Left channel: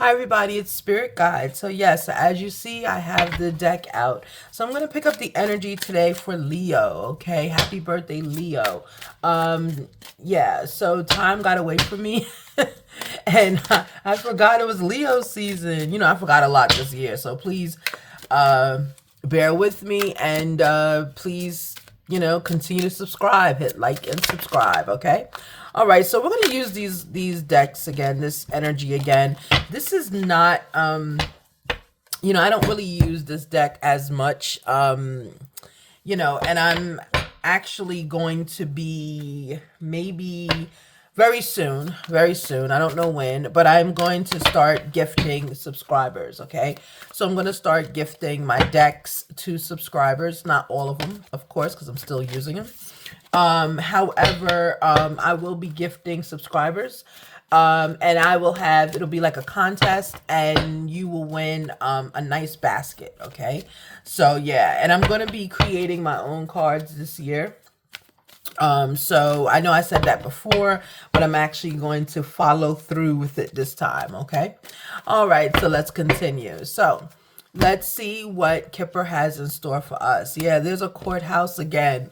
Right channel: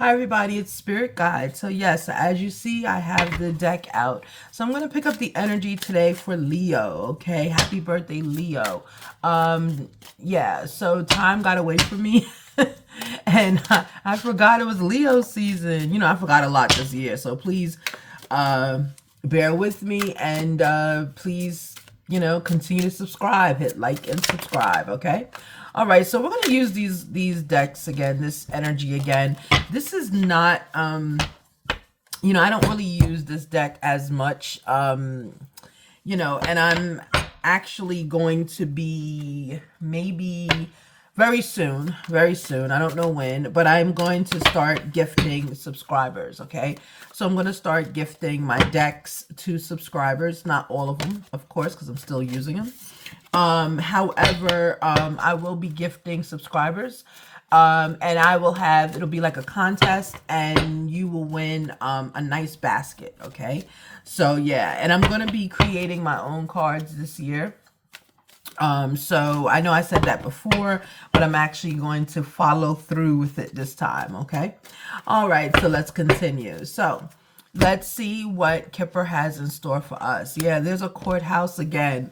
Hi everybody, it's Spirit Guide. So yes, as you see, I have the deck out. So I'm going to pick up the energy today for Leo, okay? Happy birthday, Leo. Yeah, so time got away from me. And I forgot it was Leo season. You know, I forgot a lot this year. So please bear with me and please, continue to subscribe. Hit like and subscribe, okay? All right, so we're going to use these decks again, this energy again. This is not I don't really use this deck as much, and I'm actually going to be maybe very soon, I don't know when, but I'm going to start gifting subscribers, okay? So I'm going to start gifting my decks to subscribers, not all of them, of course, because I'm still using them. However, I will be gifting subscribers, and it'll be like a contest, and you will win a nice basket, okay? So yeah, and I'm going to be creating my own cards this year. So I know I said that before, but I'm actually going to follow through with it this time, okay? All right, so let's continue. So let's see what Kipper has in store for us. Yeah, there's a courthouse again.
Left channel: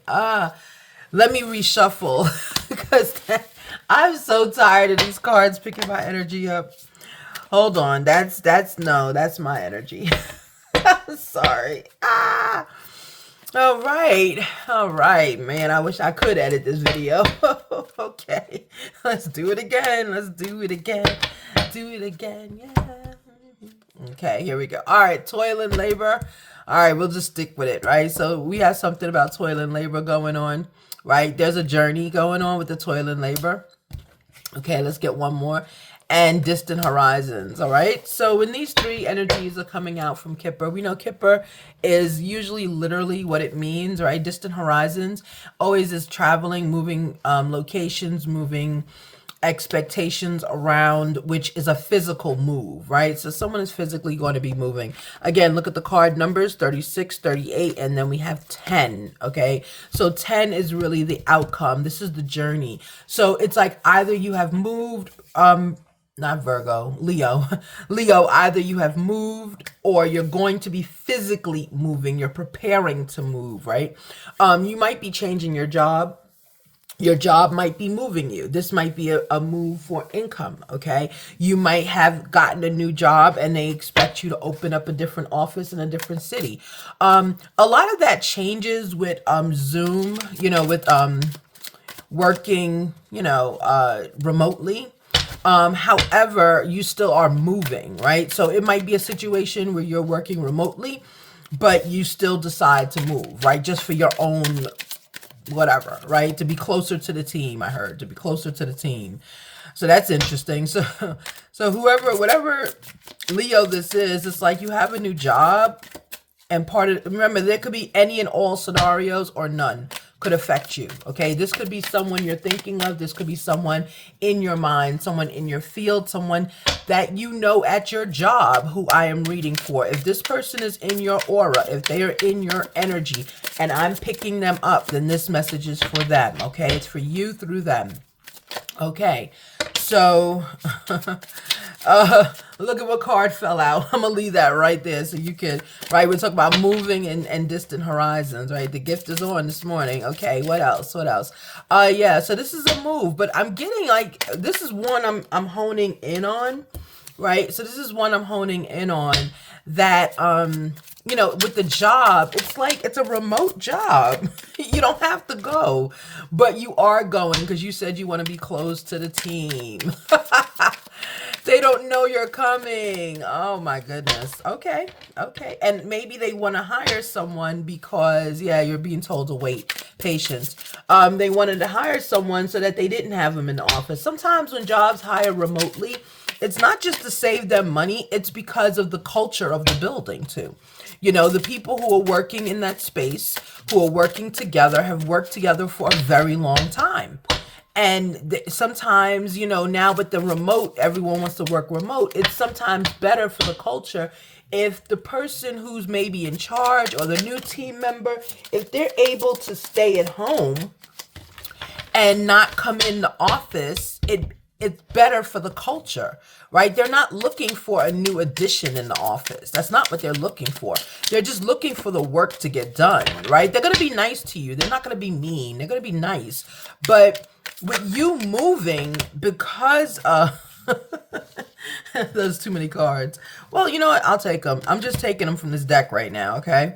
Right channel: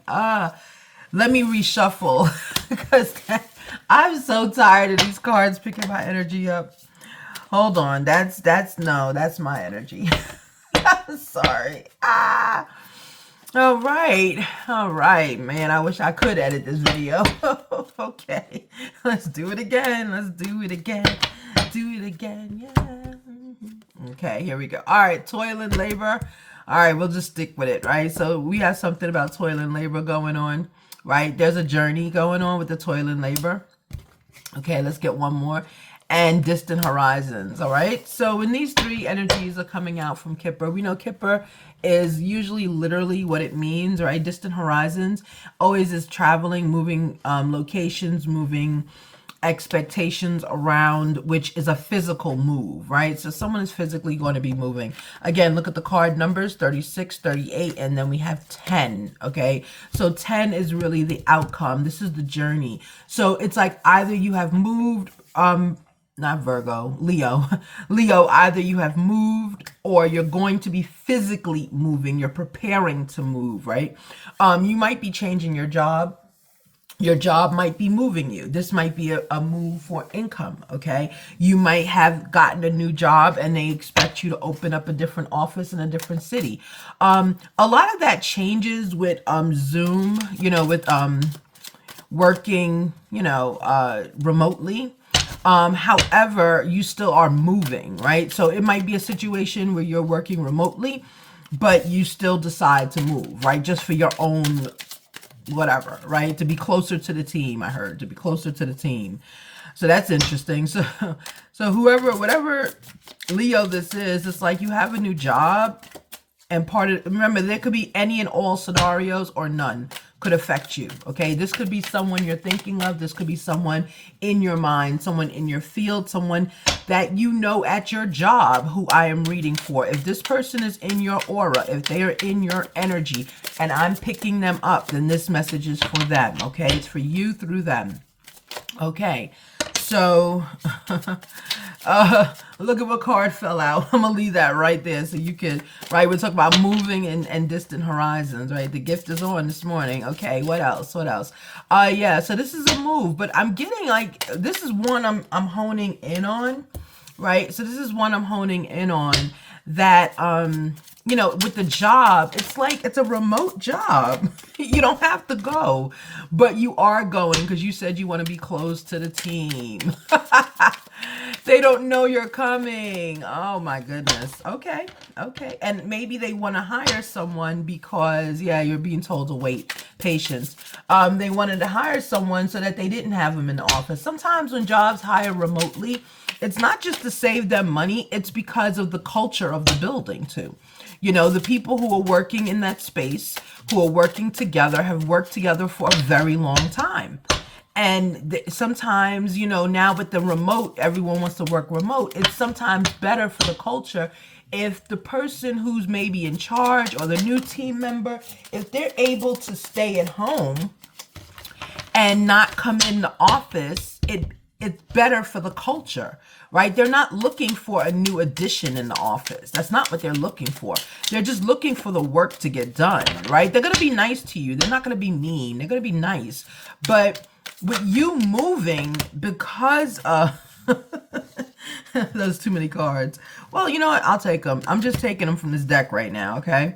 Let me reshuffle because I'm so tired of these cards picking my energy up. Hold on, that's my energy. Sorry. All right, man. I wish I could edit this video. Okay, let's do it again. Do it again. Yeah. Okay, here we go. All right, toil and labor. All right, we'll just stick with it, right? So we have something about toil and labor going on, right? There's a journey going on with the toil and labor. Okay, let's get one more. And distant horizons, all right? So when these three energies are coming out from Kipper, we know Kipper is usually literally what it means, right? Distant horizons always is traveling, moving locations, moving expectations around, which is a physical move, right? So someone is physically going to be moving. Again, look at the card numbers, 36, 38, and then we have 10, okay? So 10 is really the outcome. This is the journey. So it's like either you have moved, not Virgo, Leo. Leo, either you have moved or you're going to be physically moving. You're preparing to move, right? You might be changing your job. Your job might be moving you. This might be a move for income, okay? You might have gotten a new job and they expect you to open up a different office in a different city. A lot of that changes with Zoom, with working, remotely. However, you still are moving, right? So it might be a situation where you're working remotely, but you still decide to move, right? Just for your own whatever, right? To be closer to the team, I heard, to be closer to the team. So that's interesting. So whatever Leo this is, it's like you have a new job, and remember, there could be any and all scenarios or none could affect you, okay? This could be someone you're thinking of. This could be someone in your mind, someone in your field, someone that you know at your job who I am reading for. If this person is in your aura, if they are in your energy and I'm picking them up, then this message is for them, okay? It's for you through them. Okay, so look at what card fell out. I'm gonna leave that right there so you can, right? We're talking about moving and distant horizons, right? The gift is on this morning. Okay, what else? Yeah, so this is a move, but I'm getting like, this is one I'm honing in on, right? So this is one I'm honing in on that, with the job, it's like it's a remote job. You don't have to go, but you are going because you said you want to be close to the team. They don't know you're coming. Oh my goodness. Okay. And maybe they want to hire someone because, yeah, you're being told to wait. Patience. They wanted to hire someone so that they didn't have them in the office. Sometimes when jobs hire remotely, it's not just to save them money, it's because of the culture of the building too. The people who are working in that space, who are working together, have worked together for a very long time. And sometimes, now with the remote, everyone wants to work remote. It's sometimes better for the culture if the person who's maybe in charge or the new team member, if they're able to stay at home and not come in the office, it's better for the culture, right? They're not looking for a new addition in the office. That's not what they're looking for. They're just looking for the work to get done, right? They're going to be nice to you. They're not going to be mean. They're going to be nice. But with you moving, because there's too many cards. Well, you know what? I'll take them. I'm just taking them from this deck right now, okay?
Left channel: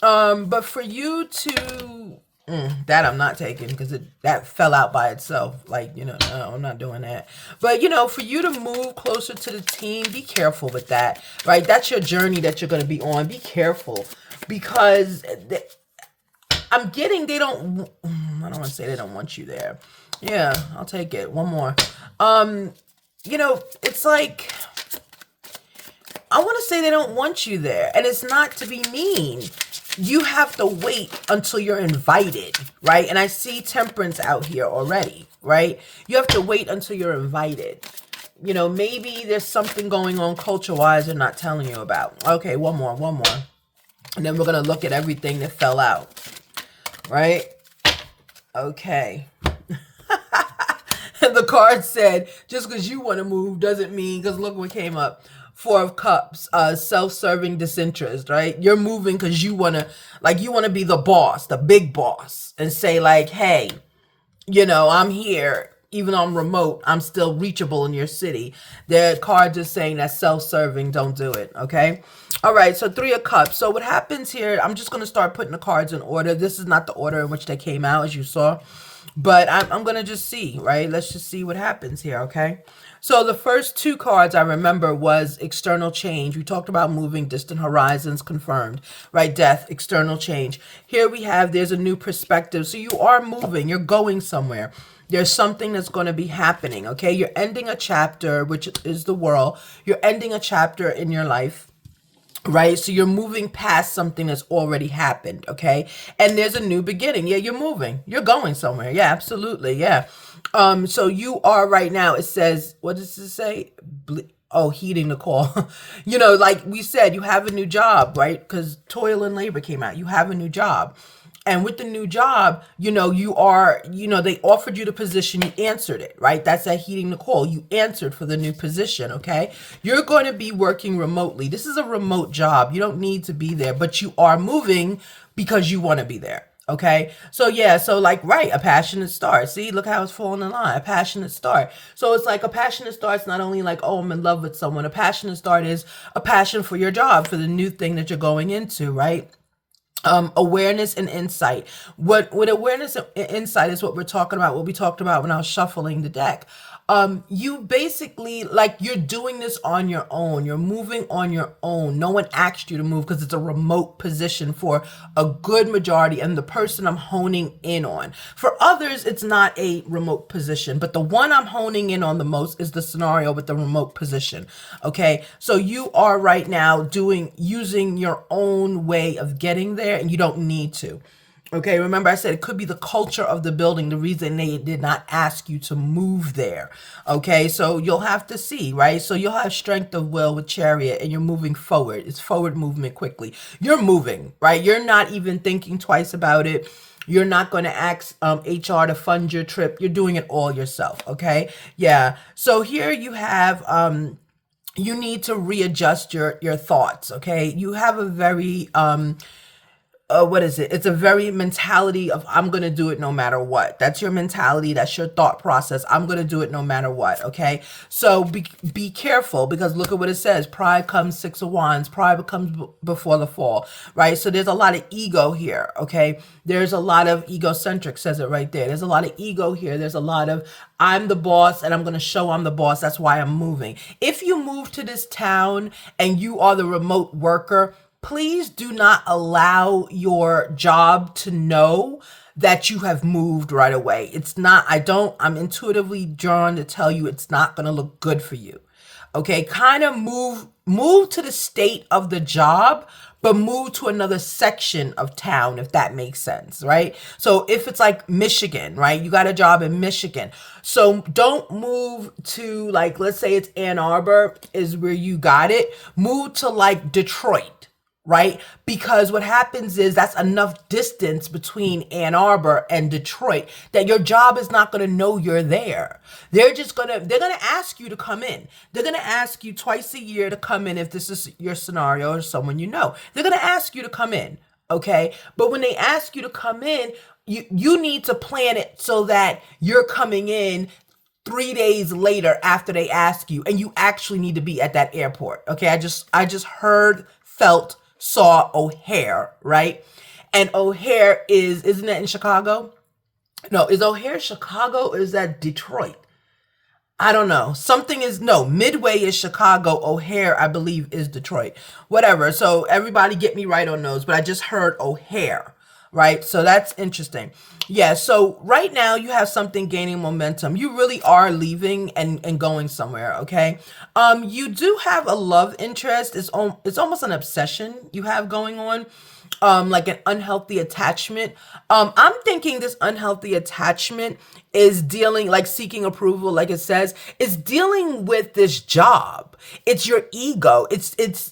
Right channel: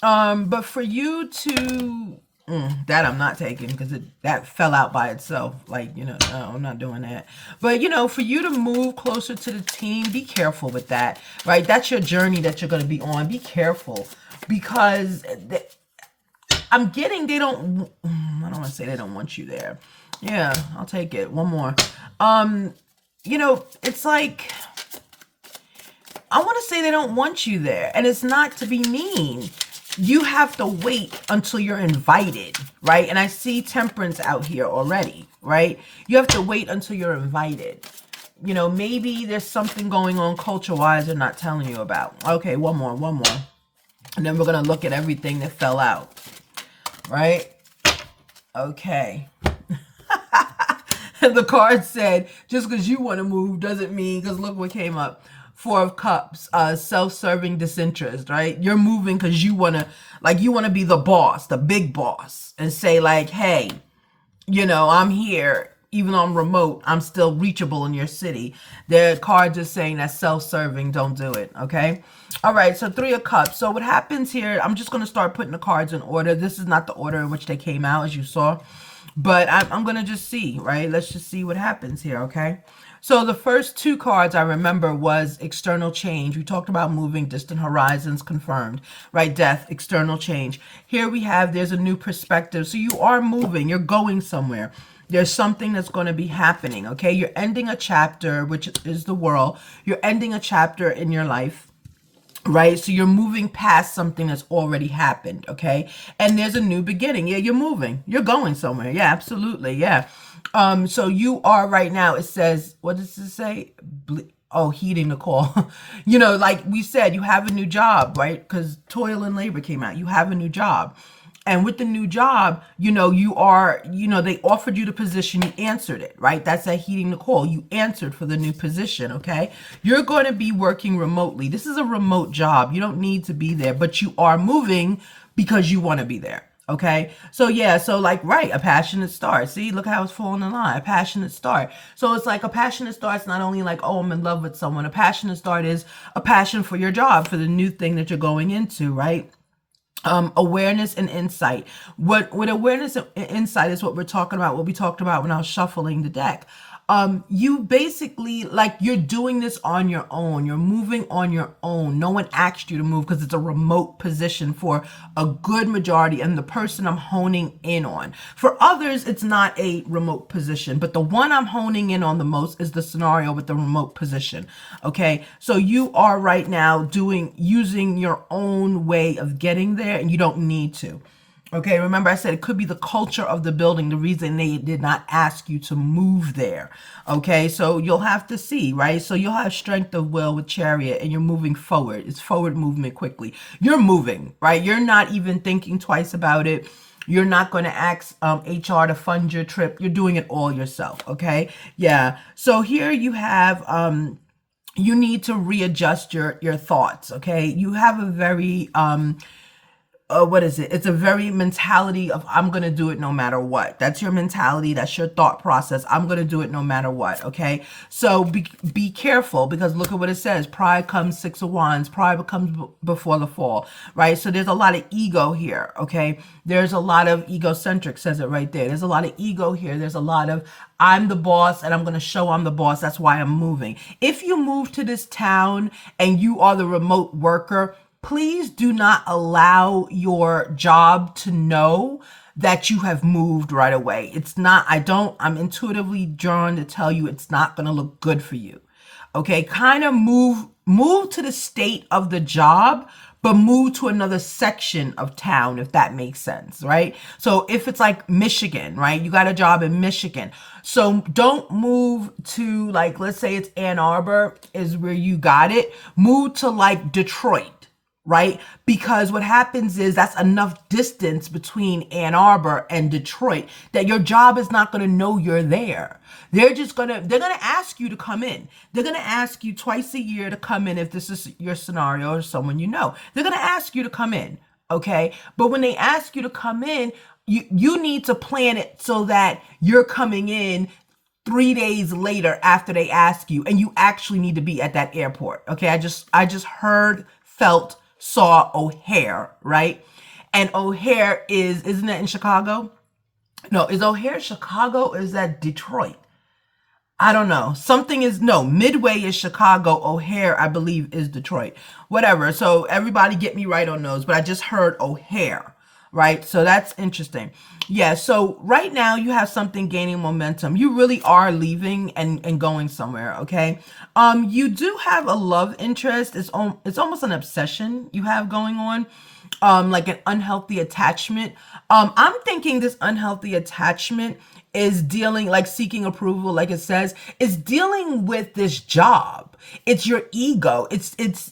But for you to that I'm not taking, because that fell out by itself. Like, you know, no, I'm not doing that. But, you know, for you to move closer to the team, be careful with that, right? That's your journey that you're going to be on. Be careful, because I'm getting I don't want to say they don't want you there. Yeah, I'll take it. One more. You know, it's like, I want to say they don't want you there. And it's not to be mean. You have to wait until you're invited, right? And I see temperance out here already, right? You have to wait until you're invited. You know, maybe there's something going on culture-wise they're not telling you about. Okay, one more. And then we're going to look at everything that fell out, right? Okay. And the card said, just because you want to move doesn't mean, because look what came up. Four of Cups, self-serving disinterest, right? You're moving because you want to be the boss, the big boss, and say like, hey, you know, I'm here. Even though I'm remote, I'm still reachable in your city. The card just saying that self-serving, don't do it, okay? All right, so Three of Cups. So what happens here, I'm just going to start putting the cards in order. This is not the order in which they came out, as you saw. But I'm going to just see, right? Let's just see what happens here, okay? So the first two cards I remember was external change. We talked about moving, distant horizons, confirmed, right? Death, external change. Here we have, there's a new perspective. So you are moving, you're going somewhere. There's something that's going to be happening, okay? You're ending a chapter, which is the world. You're ending a chapter in your life, right? So you're moving past something that's already happened, okay? And there's a new beginning. Yeah, you're moving. You're going somewhere. Yeah, absolutely. Yeah. So you are right now, it says, what does it say? Oh, heeding the call. You know, like we said, you have a new job, right? Because toil and labor came out. You have a new job. And with the new job, you know, you are, you know, they offered you the position, you answered it, right? That's that heeding the call. You answered for the new position, okay? You're going to be working remotely. This is a remote job. You don't need to be there, but you are moving because you want to be there. Okay, so yeah, so like, right, a passionate start. See, look how it's falling in line. A passionate start. So it's like a passionate start's not only like, oh, I'm in love with someone. A passionate start is a passion for your job, for the new thing that you're going into, right? Awareness and insight. What awareness and insight is what we're talking about, what we talked about when I was shuffling the deck. You basically, like, you're doing this on your own. You're moving on your own. No one asked you to move because it's a remote position for a good majority and the person I'm honing in on. For others, it's not a remote position, but the one I'm honing in on the most is the scenario with the remote position. Okay, so you are right now using your own way of getting there, and you don't need to. Okay, remember I said it could be the culture of the building, the reason they did not ask you to move there. Okay, so you'll have to see, right? So you'll have strength of will with Chariot, and you're moving forward. It's forward movement quickly. You're moving, right? You're not even thinking twice about it. You're not going to ask HR to fund your trip. You're doing it all yourself, okay? Yeah, so here you have... you need to readjust your thoughts, okay? You have a very... what is it? It's a very mentality of, I'm going to do it no matter what. That's your mentality. That's your thought process. I'm going to do it no matter what. Okay. So be careful, because look at what it says. Pride comes, Six of Wands. Pride comes before the fall, right? So there's a lot of ego here. Okay. There's a lot of egocentric, says it right there. There's a lot of ego here. There's a lot of, I'm the boss and I'm going to show I'm the boss. That's why I'm moving. If you move to this town and you are the remote worker, please do not allow your job to know that you have moved right away. It's not, I'm intuitively drawn to tell you it's not going to look good for you. Okay, kind of move to the state of the job, but move to another section of town, if that makes sense, right? So if it's like Michigan, right? You got a job in Michigan. So don't move to, like, let's say it's Ann Arbor is where you got it. Move to like Detroit. right? Because what happens is that's enough distance between Ann Arbor and Detroit that your job is not going to know you're there. They're going to ask you to come in. They're going to ask you twice a year to come in if this is your scenario or someone you know. They're going to ask you to come in, okay? But when they ask you to come in, you need to plan it so that you're coming in 3 days later after they ask you, and you actually need to be at that airport. Okay, I just heard, felt, saw O'Hare, right? And O'Hare isn't that in Chicago? No, is O'Hare Chicago or is that Detroit? I don't know. Something is no, Midway is Chicago, O'Hare, I believe, is Detroit. Whatever. So everybody get me right on those, but I just heard O'Hare, right? So that's interesting. Yeah, so right now you have something gaining momentum. You really are leaving and going somewhere, okay? You do have a love interest. It's almost an obsession you have going on. Like an unhealthy attachment. I'm thinking this unhealthy attachment is dealing, like seeking approval, like it says, is dealing with this job. It's your ego.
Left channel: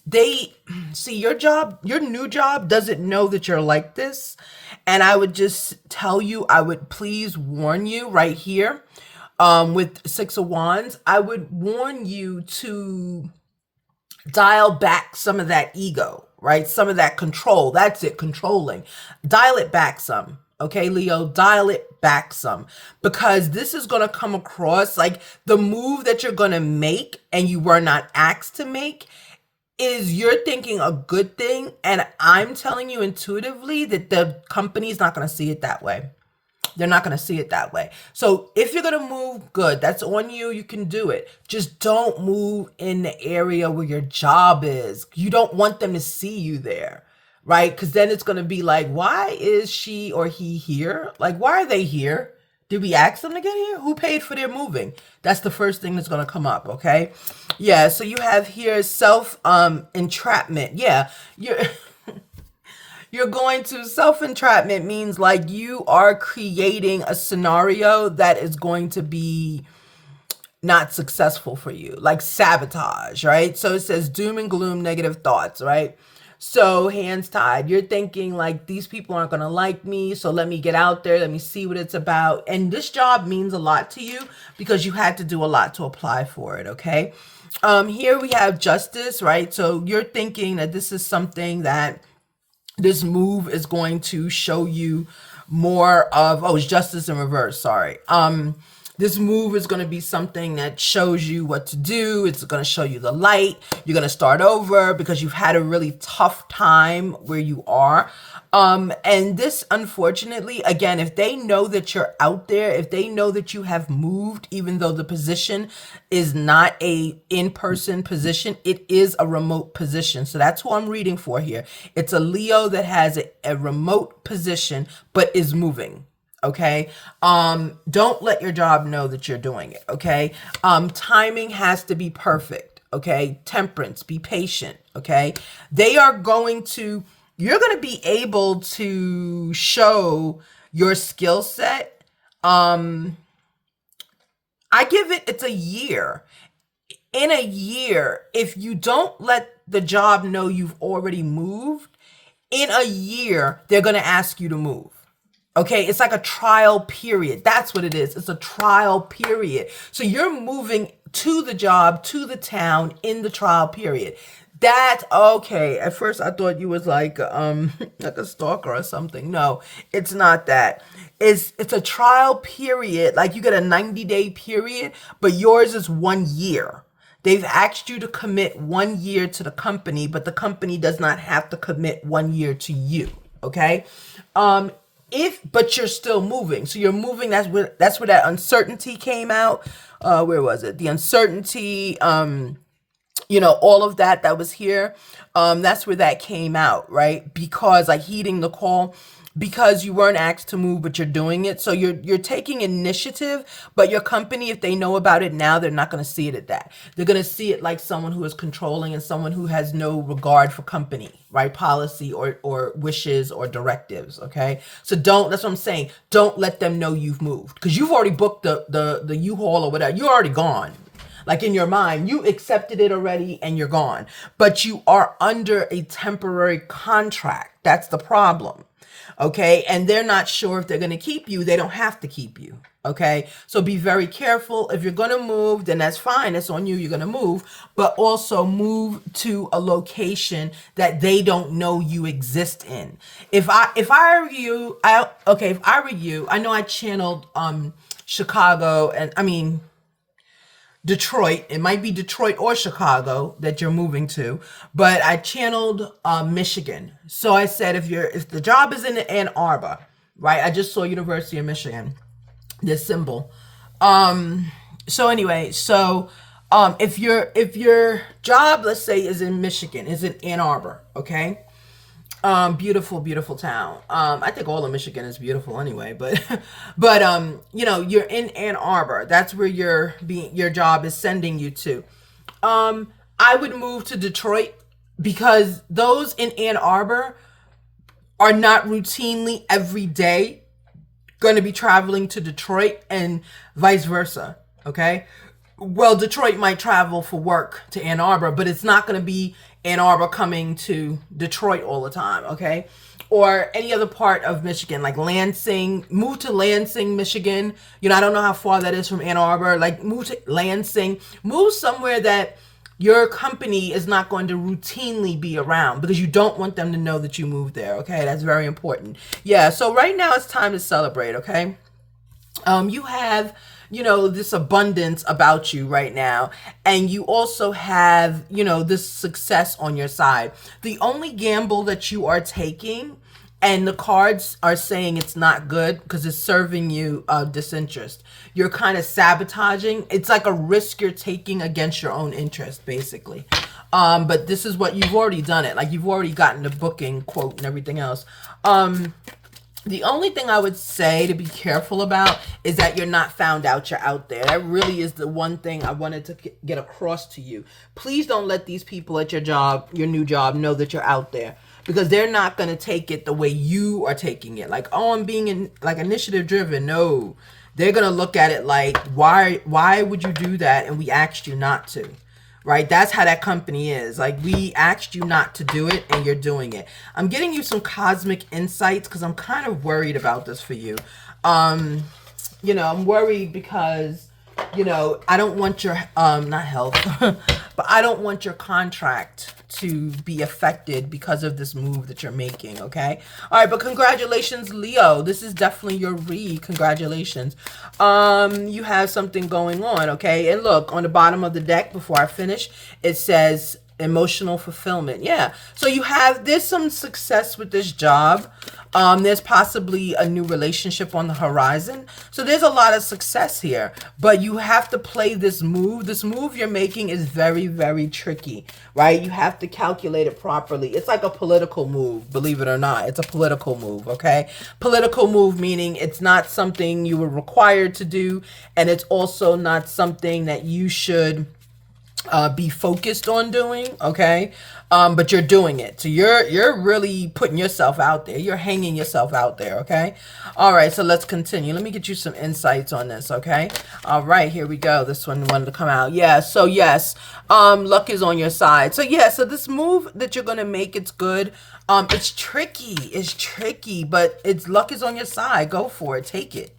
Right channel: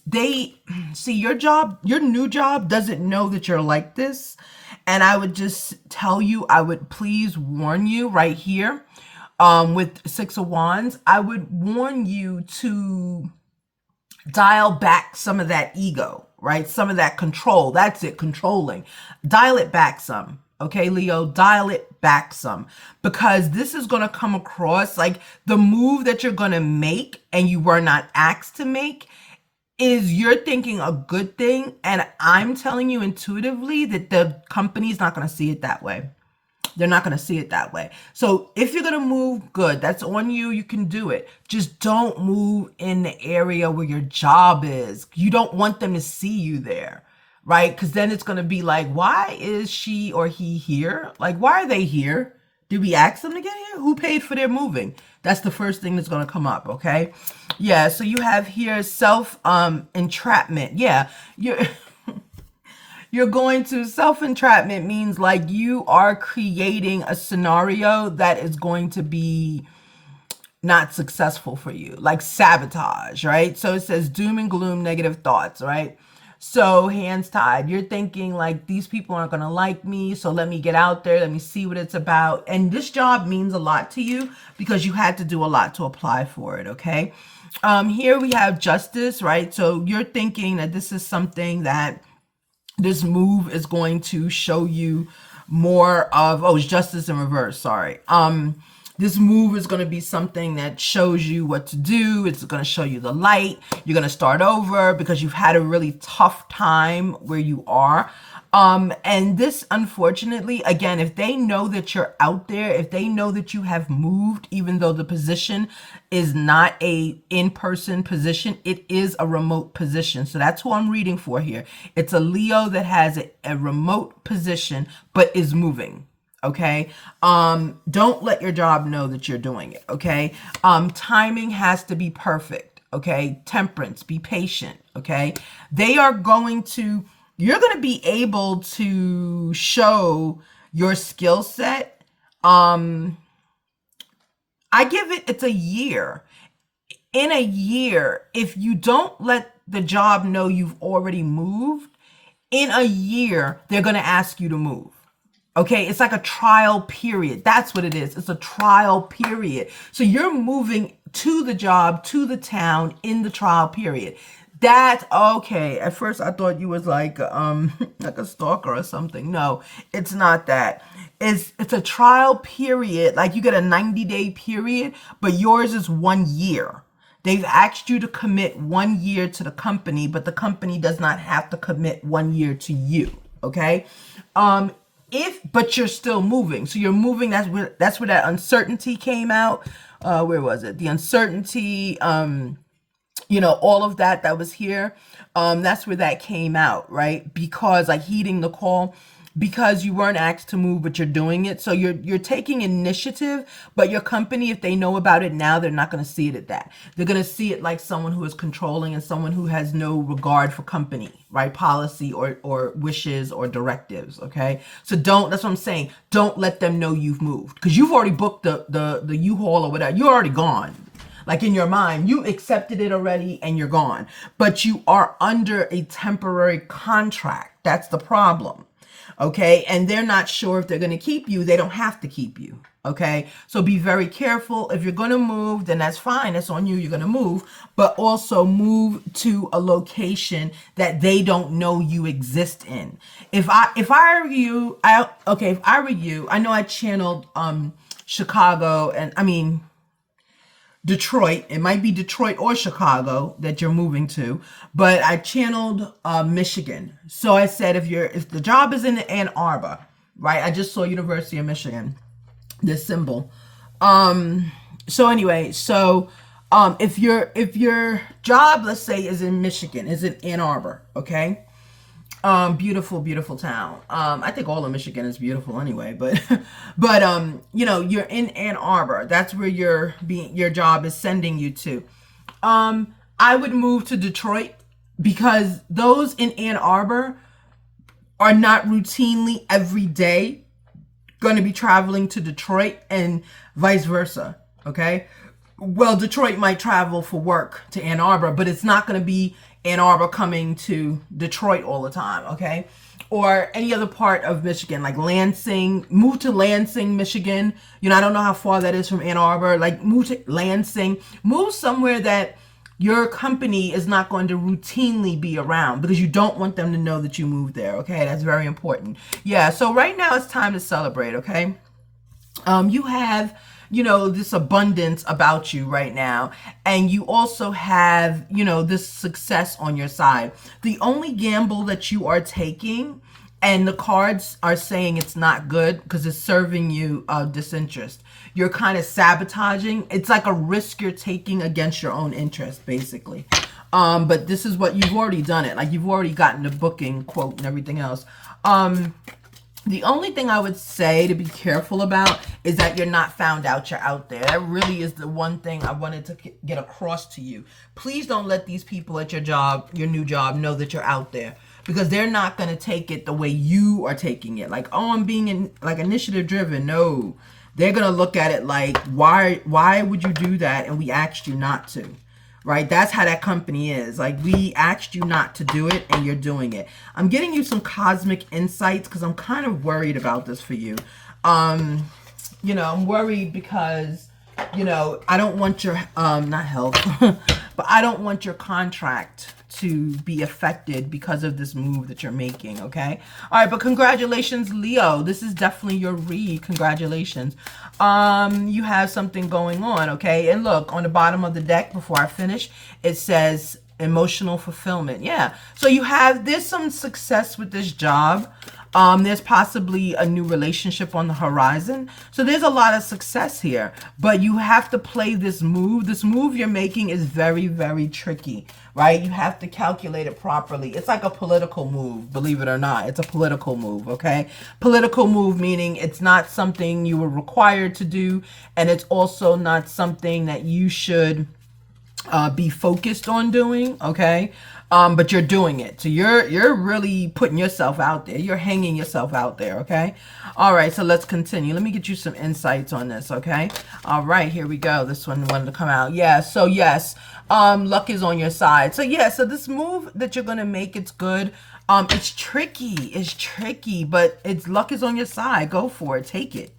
They see your job, your new job doesn't know that you're like this. And I would just tell you, I would please warn you right here, with Six of Wands, I would warn you to dial back some of that ego, right? Some of that control. That's it, controlling. Dial it back some. Okay, Leo, dial it back some, because this is going to come across like the move that you're going to make and you were not asked to make is you're thinking a good thing. And I'm telling you intuitively that the company's not going to see it that way. They're not going to see it that way. So if you're going to move, good. That's on you. You can do it. Just don't move in the area where your job is. You don't want them to see you there, right? Because then it's going to be like, why is she or he here? Like, why are they here? Did we ask them to get here? Who paid for their moving? That's the first thing that's going to come up, okay? Yeah, so you have here entrapment. Yeah, you're going to self-entrapment means like you are creating a scenario that is going to be not successful for you, like sabotage, right? So it says doom and gloom, negative thoughts, right? So hands tied, you're thinking like these people aren't going to like me, so let me get out there, let me see what it's about. And this job means a lot to you because you had to do a lot to apply for it, okay? Here we have justice, right? So you're thinking that this is something that this move is going to show you more of, oh, it's justice in reverse, sorry. This move is going to be something that shows you what to do. It's going to show you the light. You're going to start over because you've had a really tough time where you are. And this, unfortunately, again, if they know that you're out there, if they know that you have moved, even though the position is not a in-person position, it is a remote position. So that's who I'm reading for here. It's a Leo that has a remote position, but is moving. Okay. Don't let your job know that you're doing it. Okay. Timing has to be perfect. Okay. Temperance, be patient. Okay. You're going to be able to show your skill set. I give it's a year. In a year, if you don't let the job know you've already moved, in a year, they're going to ask you to move. Okay, it's like a trial period. That's what it is. It's a trial period. So you're moving to the job, to the town in the trial period. That's okay. At first I thought you was like like a stalker or something. No, it's not that. It's a trial period. Like you get a 90-day period, but yours is 1 year. They've asked you to commit 1 year to the company, but the company does not have to commit 1 year to you. Okay. But you're still moving. So you're moving. That's where that uncertainty came out. Where was it? The uncertainty, all of that was here. That's where that came out, right? Because like heeding the call, because you weren't asked to move, but you're doing it. So you're taking initiative, but your company, if they know about it now, they're not going to see it at that. They're going to see it like someone who is controlling and someone who has no regard for company, right? Policy or wishes or directives. Okay. So that's what I'm saying. Don't let them know you've moved because you've already booked the U-Haul or whatever. You're already gone. Like in your mind, you accepted it already and you're gone. But you are under a temporary contract. That's the problem. Okay. And they're not sure if they're going to keep you. They don't have to keep you. Okay. So be very careful. If you're going to move, then that's fine. It's on you. You're going to move, but also move to a location that they don't know you exist in. If I were you, if I were you, I know I channeled, Chicago and I mean, Detroit. It might be Detroit or Chicago that you're moving to, but I channeled Michigan. So I said if the job is in Ann Arbor, right? I just saw University of Michigan, this symbol. So anyway, if your job, let's say, is in Michigan, is in Ann Arbor, okay? Beautiful, beautiful town. I think all of Michigan is beautiful anyway, but you're in Ann Arbor. That's where your job is sending you to. I would move to Detroit because those in Ann Arbor are not routinely every day going to be traveling to Detroit and vice versa. Okay. Well, Detroit might travel for work to Ann Arbor, but it's not going to be Ann Arbor coming to Detroit all the time, okay? Or any other part of Michigan, like Lansing. Move to Lansing, Michigan. I don't know how far that is from Ann Arbor. Like, move to Lansing. Move somewhere that your company is not going to routinely be around because you don't want them to know that you moved there, okay? That's very important. Yeah, so right now it's time to celebrate, okay? You have this abundance about you right now. And you also have, this success on your side. The only gamble that you are taking, and the cards are saying it's not good because it's serving you disinterest. You're kind of sabotaging. It's like a risk you're taking against your own interest, basically. But this is what you've already done it. Like, you've already gotten the booking quote and everything else. The only thing I would say to be careful about is that you're not found out, you're out there. That really is the one thing I wanted to get across to you. Please don't let these people at your job, your new job, know that you're out there, because they're not going to take it the way you are taking it. Like, oh, I'm being initiative driven. No, they're going to look at it like, why would you do that? And we asked you not to. Right? That's how that company is. Like, we asked you not to do it and you're doing it. I'm getting you some cosmic insights because I'm kind of worried about this for you. I'm worried because, I don't want your, not health, but I don't want your contract to be affected because of this move that you're making, okay? All right, but congratulations, Leo. This is definitely your read. Congratulations. You have something going on, okay? And look, on the bottom of the deck, before I finish, it says emotional fulfillment. Yeah. So there's some success with this job. There's possibly a new relationship on the horizon. So there's a lot of success here, but you have to play this move. This move you're making is very, very tricky, right? You have to calculate it properly. It's like a political move, believe it or not. It's a political move, okay? Political move meaning it's not something you were required to do, and it's also not something that you should be focused on doing, okay? But you're doing it. So you're really putting yourself out there. You're hanging yourself out there, okay? All right, so let's continue. Let me get you some insights on this, okay? All right, here we go. This one wanted to come out. Yeah, so yes, luck is on your side. So yeah, so this move that you're going to make, it's good. It's tricky, but luck is on your side. Go for it. Take it,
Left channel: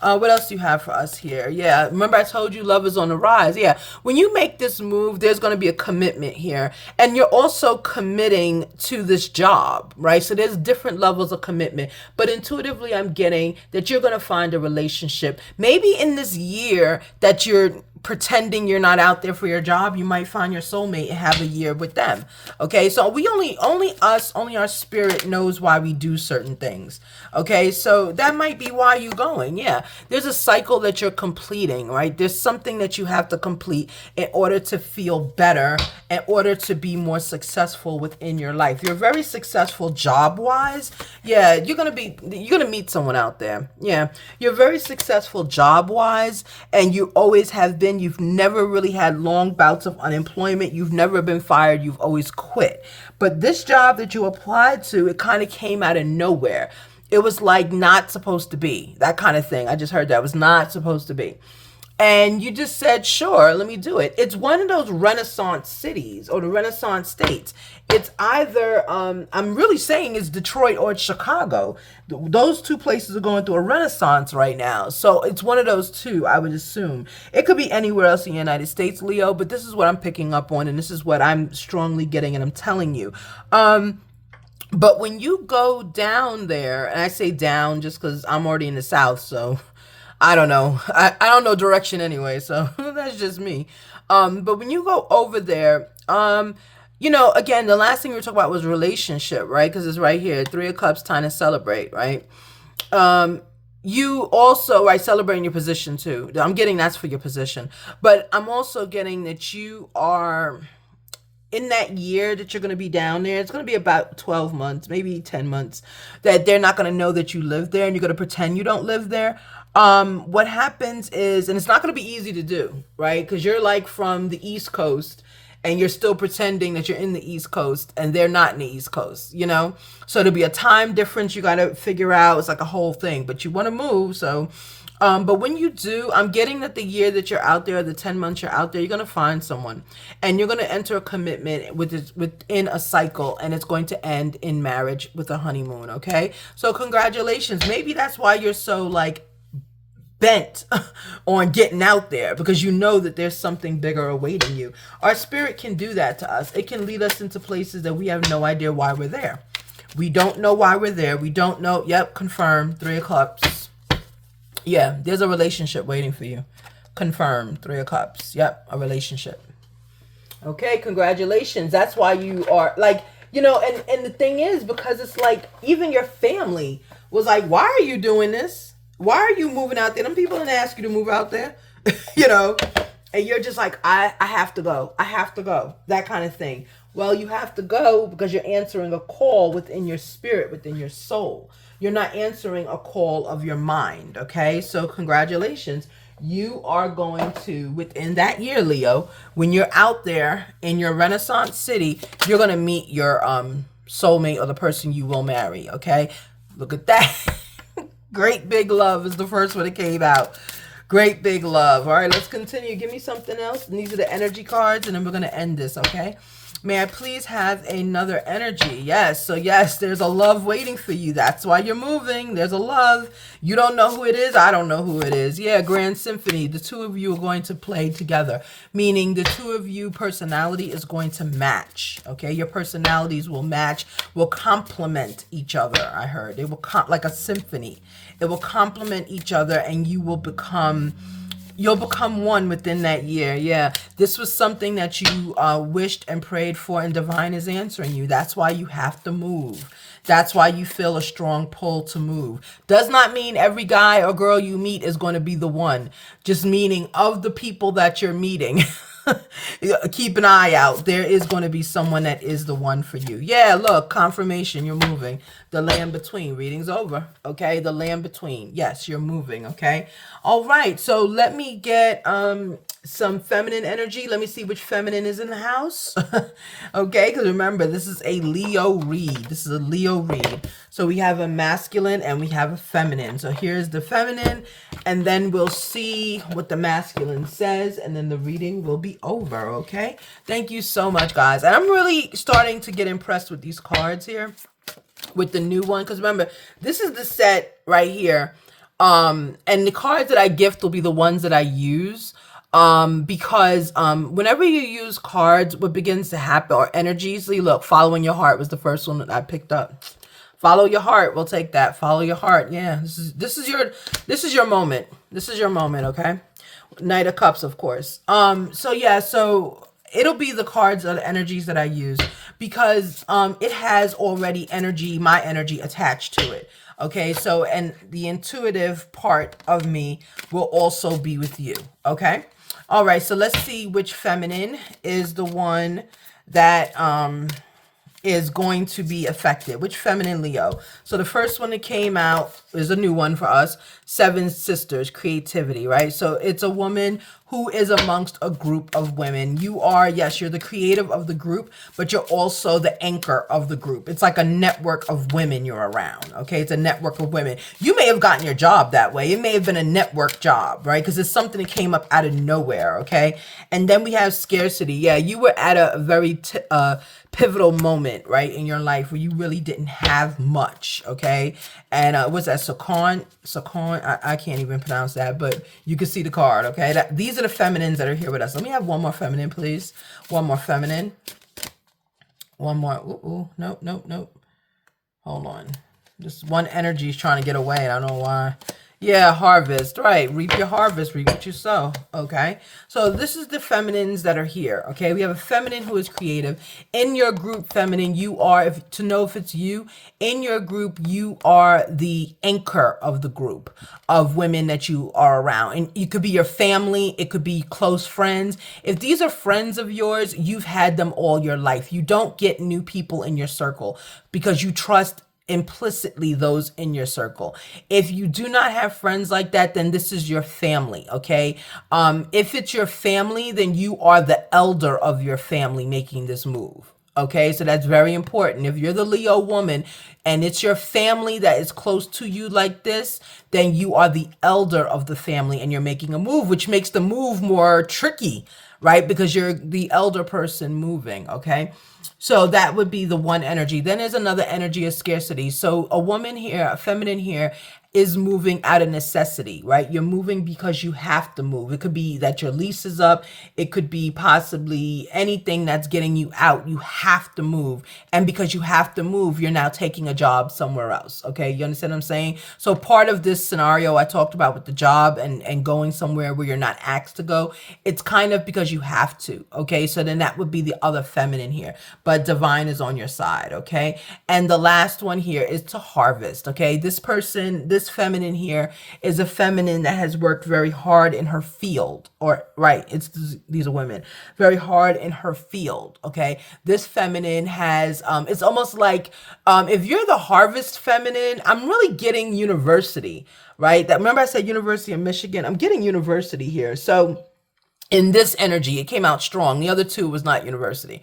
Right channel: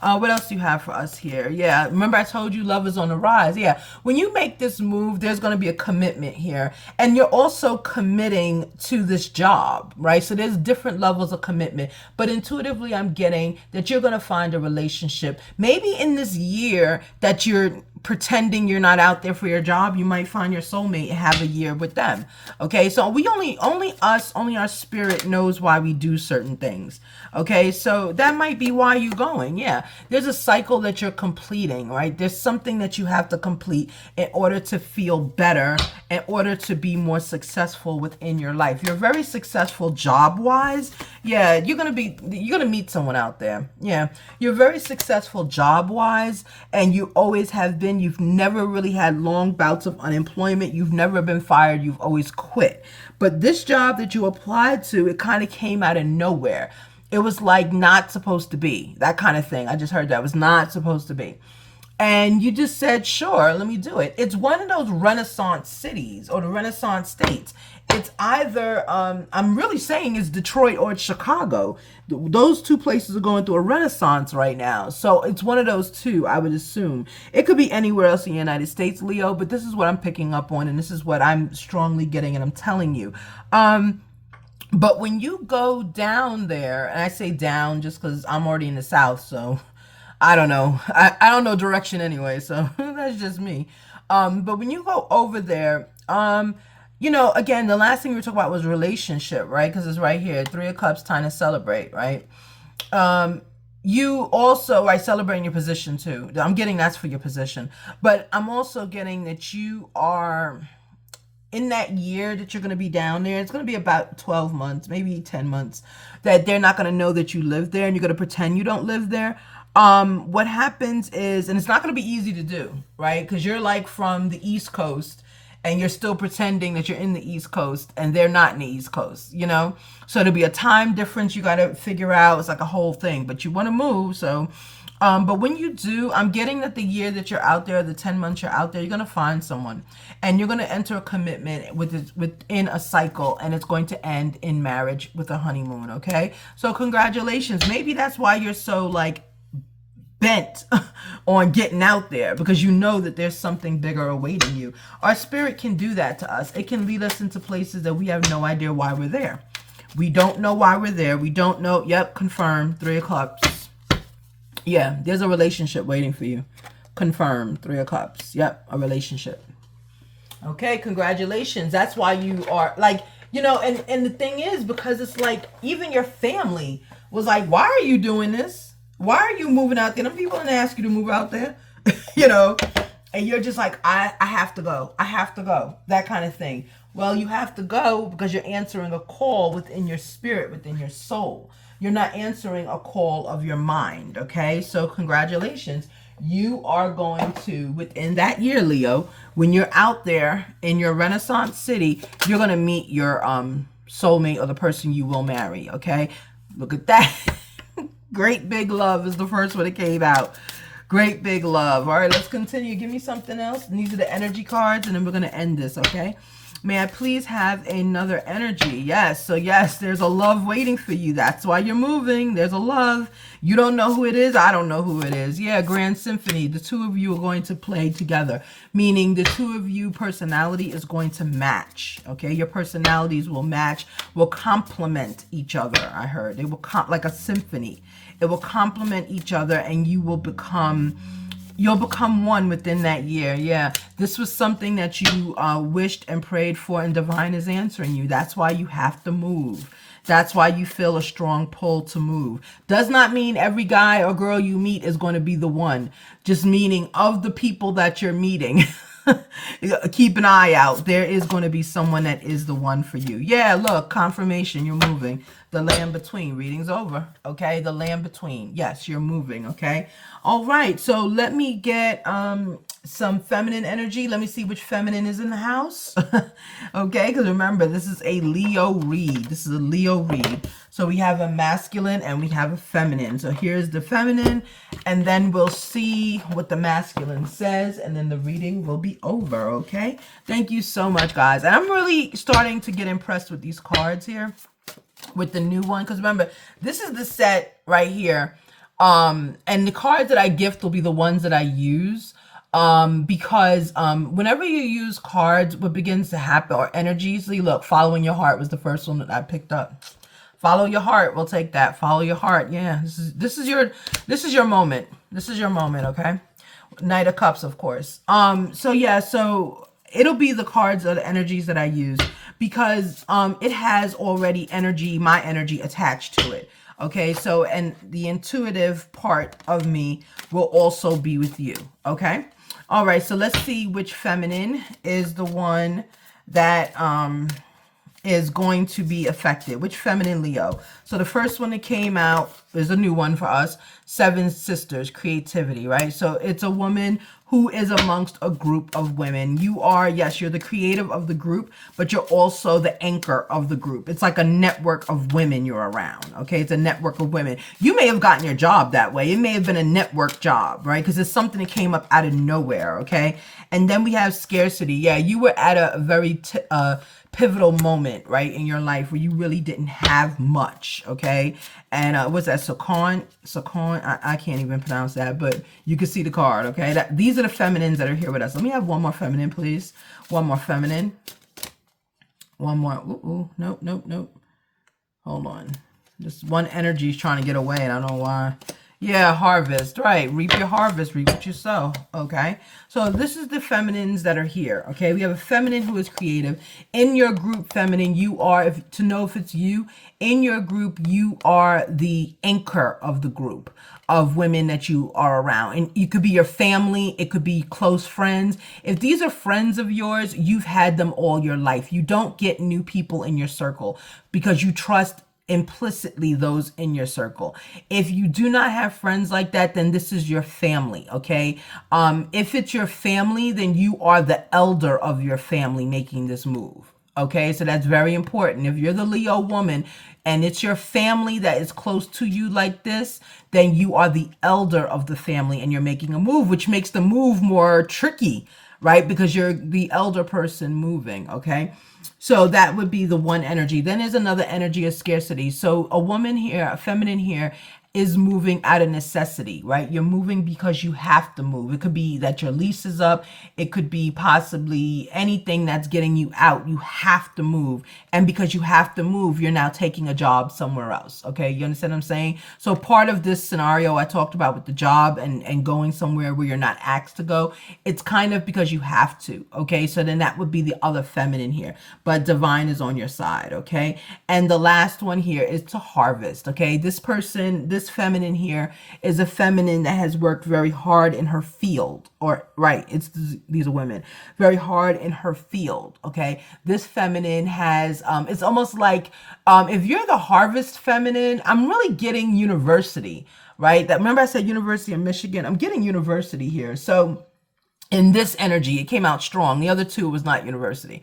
What else do you have for us here? Yeah, remember I told you love is on the rise. Yeah, when you make this move, there's going to be a commitment here. And you're also committing to this job, right? So there's different levels of commitment. But intuitively, I'm getting that you're going to find a relationship. Maybe in this year that you're pretending you're not out there for your job, you might find your soulmate and have a year with them. Okay, so we only our spirit knows why we do certain things. Okay, so that might be why you're going. Yeah, there's a cycle that you're completing, right? There's something that you have to complete in order to feel better, in order to be more successful within your life. You're very successful job wise. Yeah, you're gonna meet someone out there. Yeah, you're very successful job wise, and you always have been. You've never really had long bouts of unemployment. You've never been fired. You've always quit. But this job that you applied to, it kind of came out of nowhere. It was like not supposed to be, that kind of thing. I just heard that it was not supposed to be. And you just said, sure, let me do it. It's one of those Renaissance cities or the Renaissance states. It's either, I'm really saying it's Detroit or it's Chicago. Those two places are going through a renaissance right now. So it's one of those two, I would assume. It could be anywhere else in the United States, Leo, but this is what I'm picking up on, and this is what I'm strongly getting, and I'm telling you. But when you go down there, and I say down just because I'm already in the South, so I don't know. I don't know direction anyway, so that's just me. But when you go over there, again, the last thing we were talking about was relationship, right? Because it's right here, Three of Cups, time to celebrate, right? You also, right, celebrating your position too. I'm getting that's for your position, but I'm also getting that you are in that year that you're going to be down there. It's going to be about 12 months, maybe 10 months, that they're not going to know that you live there, and you're going to pretend you don't live there. What happens is, and it's not going to be easy to do, right? Because you're like from the East Coast, and you're still pretending that you're in the East Coast, and they're not in the East Coast, So there'll be a time difference you got to figure out. It's like a whole thing, but you want to move, so. But when you do, I'm getting that the year that you're out there, the 10 months you're out there, you're going to find someone, and you're going to enter a commitment within a cycle, and it's going to end in marriage with a honeymoon, okay? So congratulations. Maybe that's why you're so like bent on getting out there, because you know that there's something bigger awaiting you. Our spirit can do that to us. It can lead us into places that we have no idea why we're there. We don't know why we're there. We don't know. Yep, confirmed. Three of Cups. Yeah, there's a relationship waiting for you. Confirmed. Three of Cups. Yep, a relationship. Okay, congratulations. That's why you are like, and the thing is, because it's like even your family was like, why are you doing this? Why are you moving out there? Them people didn't ask you to move out there, and you're just like, I have to go. I have to go. That kind of thing. Well, you have to go because you're answering a call within your spirit, within your soul. You're not answering a call of your mind, okay? So congratulations. You are going to, within that year, Leo, when you're out there in your Renaissance city, you're going to meet your soulmate or the person you will marry, okay? Look at that. Great big love is the first one that came out. Great big love. All right, let's continue. Give me something else. And these are the energy cards, and then we're going to end this, okay? May I please have another energy? Yes. So yes, there's a love waiting for you. That's why you're moving. There's a love. You don't know who it is. I don't know who it is. Yeah, Grand Symphony. The two of you are going to play together, meaning the two of you personality is going to match. Okay, your personalities will match, will complement each other. I heard it will like a symphony. It will complement each other, and you'll become one within that year. Yeah, this was something that you wished and prayed for, and divine is answering you. That's why you have to move. That's why you feel a strong pull to move. Does not mean every guy or girl you meet is going to be the one. Just meaning of the people that you're meeting. Keep an eye out. There is going to be someone that is the one for you. Yeah, look, confirmation, you're moving. The land between. Reading's over. Okay, the land between. Yes, you're moving. Okay. All right. So let me get some feminine energy. Let me see which feminine is in the house. Okay, because remember, this is a Leo read. This is a Leo read. So we have a masculine and we have a feminine. So here's the feminine, and then we'll see what the masculine says, and then the reading will be over. Okay. Thank you so much, guys. And I'm really starting to get impressed with these cards here, with the new one, because remember, this is the set right here, and the cards that I gift will be the ones that I use, because whenever you use cards, what begins to happen, or energies, look, following your heart was the first one that I picked up. Follow your heart. We'll take that. Follow your heart. Yeah, this is your moment. This is your moment. Okay. Knight of Cups, of course. So yeah, so it'll be the cards or the energies that I use, because it has already my energy attached to it. Okay, so, and the intuitive part of me will also be with you. Okay. All right, so let's see which feminine is the one that is going to be affected. Which feminine, Leo? So the first one that came out is a new one for us. Seven Sisters, creativity, right? So it's a woman who is amongst a group of women. You are, yes, you're the creative of the group, but you're also the anchor of the group. It's like a network of women you're around, okay? It's a network of women. You may have gotten your job that way. It may have been a network job, right? Because it's something that came up out of nowhere, okay? And then we have scarcity. Yeah, you were at a very pivotal moment, right, in your life where you really didn't have much, okay? And what's that, Sakon? I can't even pronounce that, but you can see the card, okay? These are the feminines that are here with us. Let me have one more feminine, please. One more feminine. One more. Ooh, nope, nope, nope. Hold on. Just one energy is trying to get away. I don't know why. Yeah, harvest, right? Reap your harvest, reap what you sow, okay? So this is the feminines that are here, okay? We have a feminine who is creative. In your group, feminine, you are, to know if it's you, in your group, you are the anchor of the group of women that you are around. And it could be your family, it could be close friends. If these are friends of yours, you've had them all your life. You don't get new people in your circle because you trust implicitly those in your circle. If you do not have friends like that, then this is your family, okay? If it's your family, then you are the elder of your family making this move, okay? So that's very important. If you're the Leo woman and it's your family that is close to you like this, then you are the elder of the family and you're making a move, which makes the move more tricky, right? Because you're the elder person moving, okay? So that would be the one energy. Then there's another energy of scarcity. So a woman here, a feminine here, is moving out of necessity, right? You're moving because you have to move. It could be that your lease is up. It could be possibly anything that's getting you out. You have to move. And because you have to move, you're now taking a job somewhere else. Okay. You understand what I'm saying? So part of this scenario I talked about with the job and going somewhere where you're not asked to go, it's kind of because you have to. Okay. So then that would be the other feminine here, but divine is on your side. Okay. And the last one here is to harvest. Okay. This person, this feminine here is a feminine that has worked very hard in her field, or right, these are women, very hard in her field, okay? This feminine has, it's almost like, if you're the harvest feminine, I'm really getting university, right? Remember I said University of Michigan? I'm getting university here. So in this energy, it came out strong. The other two was not university.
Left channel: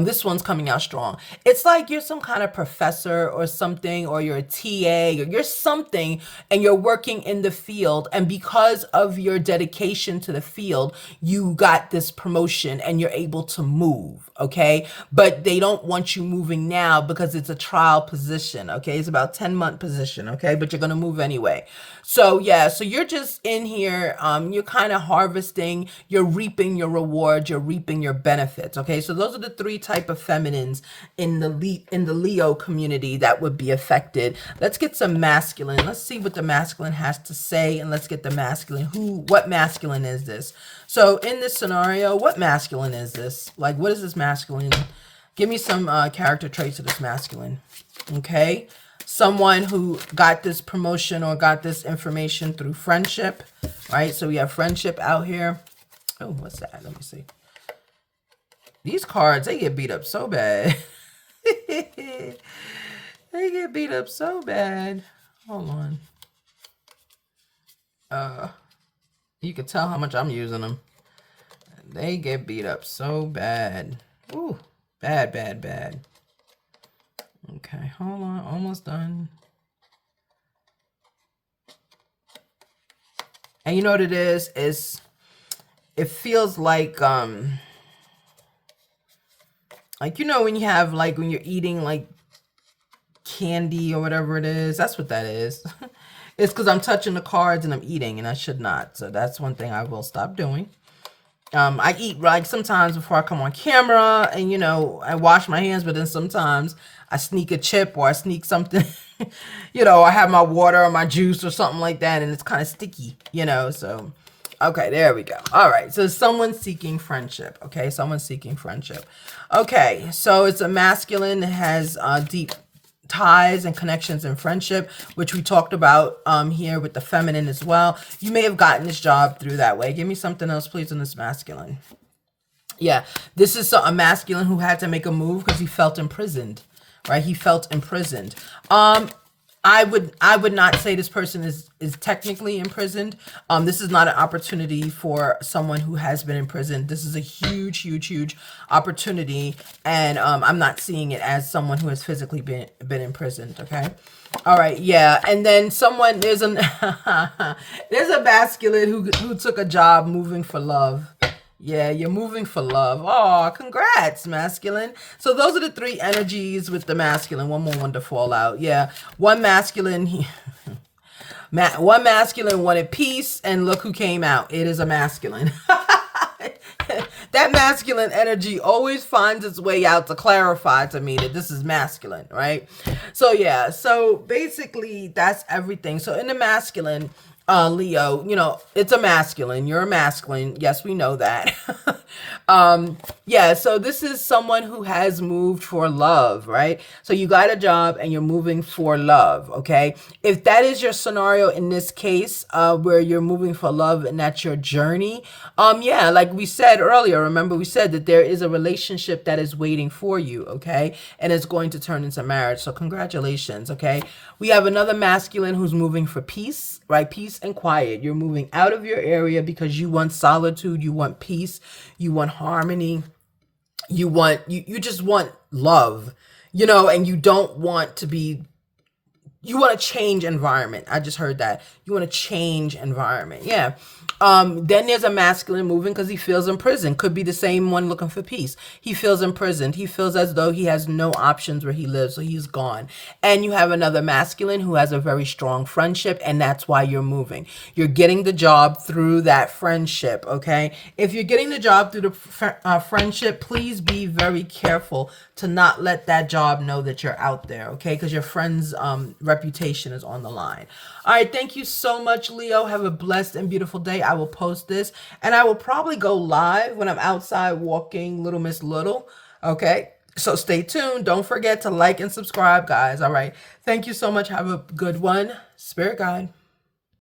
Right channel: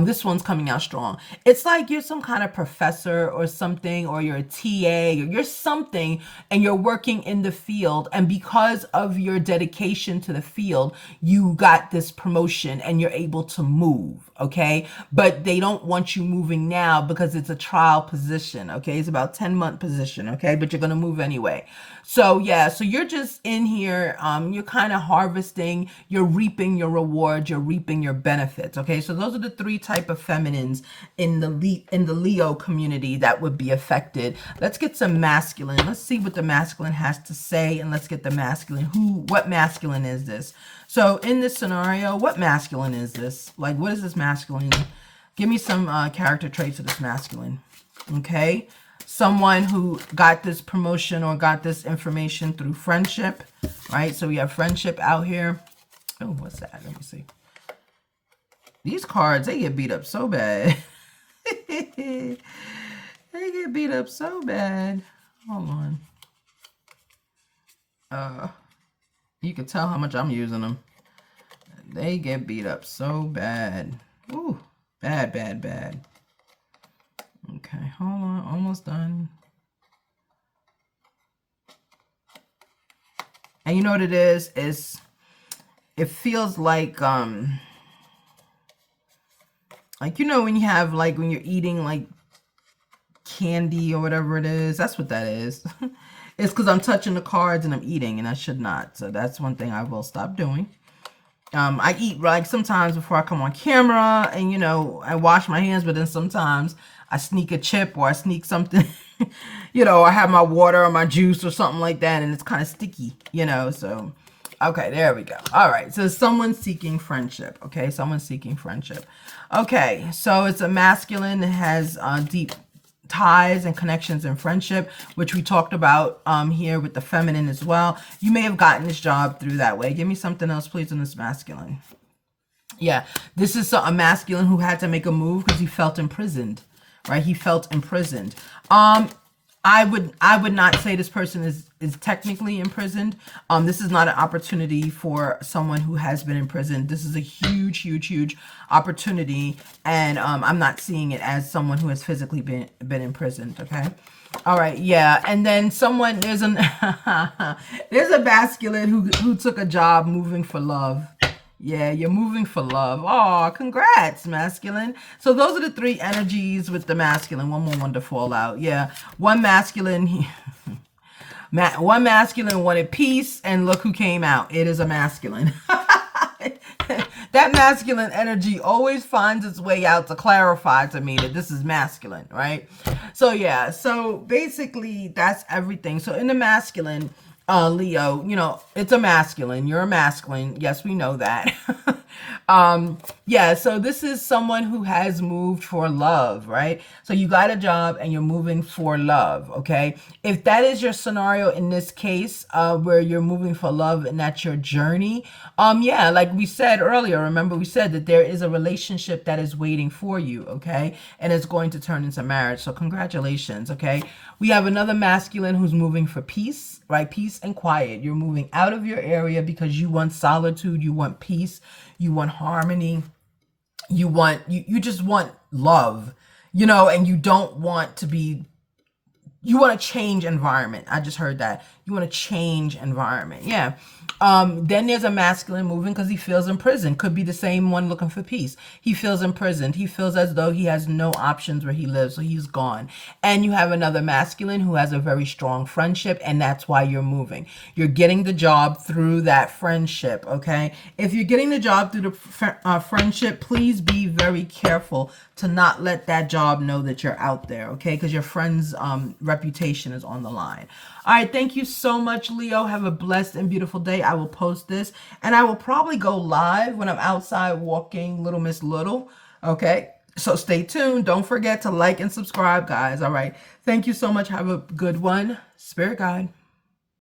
This one's coming out strong. It's like you're some kind of professor or something, or you're a TA, or you're something, and you're working in the field. And because of your dedication to the field, you got this promotion and you're able to move, okay? But they don't want you moving now because it's a trial position, okay? It's about 10-month position, okay? But you're going to move anyway. So yeah, so you're just in here, you're kind of harvesting, you're reaping your rewards, you're reaping your benefits, okay? So those are the three type of feminines in the Leo community that would be affected. Let's get some masculine. Let's see what the masculine has to say, and let's get the masculine. What masculine is this? So in this scenario, what masculine is this? Like, what is this masculine? Give me some character traits of this masculine, okay? Someone who got this promotion or got this information through friendship, right? So we have friendship out here. Oh, what's that? Let me see. These cards, they get beat up so bad. They get beat up so bad. Hold on. You can tell how much I'm using them. They get beat up so bad. Ooh, bad, bad, bad. Okay, hold on, almost done. And you know what it is? It feels like you know when you have, like, when you're eating like candy or whatever it is, that's what that is. It's because I'm touching the cards and I'm eating, and I should not. So that's one thing I will stop doing. I eat, like, sometimes before I come on camera, and, you know, I wash my hands, but then sometimes I sneak a chip or I sneak something, you know, I have my water or my juice or something like that, and it's kind of sticky, you know, so, okay, there we go. All right, so someone's seeking friendship, okay, someone's seeking friendship. Okay, so it's a masculine that has deep ties and connections and friendship, which we talked about here with the feminine as well. You may have gotten this job through that way. Give me something else, please, on this masculine. Yeah, this is a masculine who had to make a move because he felt imprisoned, right? He felt imprisoned. I'm I would not say this person is technically imprisoned. This is not an opportunity for someone who has been imprisoned. This is a huge, huge, huge opportunity, and I'm not seeing it as someone who has physically been imprisoned. Okay. All right, yeah, and then someone there's an there's a masculine who took a job moving for love. Yeah, you're moving for love. Oh, congrats, masculine. So those are the three energies with the masculine. One more one to fall out. Yeah, one masculine. One masculine wanted peace, and look who came out. It is a masculine. That masculine energy always finds its way out to clarify to me that this is masculine, right? So yeah, so basically that's everything. So in the masculine, Leo, you know, it's a masculine. You're a masculine. Yes, we know that. Yeah, so this is someone who has moved for love, right? So you got a job and you're moving for love, okay? If that is your scenario in this case, where you're moving for love and that's your journey, yeah, like we said earlier, remember we said that there is a relationship that is waiting for you, okay? And it's going to turn into marriage. So congratulations, okay? We have another masculine who's moving for peace, right? Peace and quiet. You're moving out of your area because you want solitude, you want peace, you want harmony, you just want love, you know, and you don't want to be, you want to change environment. I just heard that. You want to change environment. Yeah. Then there's a masculine moving because he feels imprisoned. Could be the same one looking for peace. He feels imprisoned. He feels as though he has no options where he lives, so he's gone. And you have another masculine who has a very strong friendship, and that's why you're moving. You're getting the job through that friendship, okay? If you're getting the job through the friendship, please be very careful to not let that job know that you're out there, okay? Because your friend's reputation is on the line. All right, thank you so much, Leo. Have a blessed and beautiful day. I will post this, and I will probably go live when I'm outside walking Little Miss Little, okay? So stay tuned. Don't forget to like and subscribe, guys. All right, thank you so much. Have a good one. Spirit guide.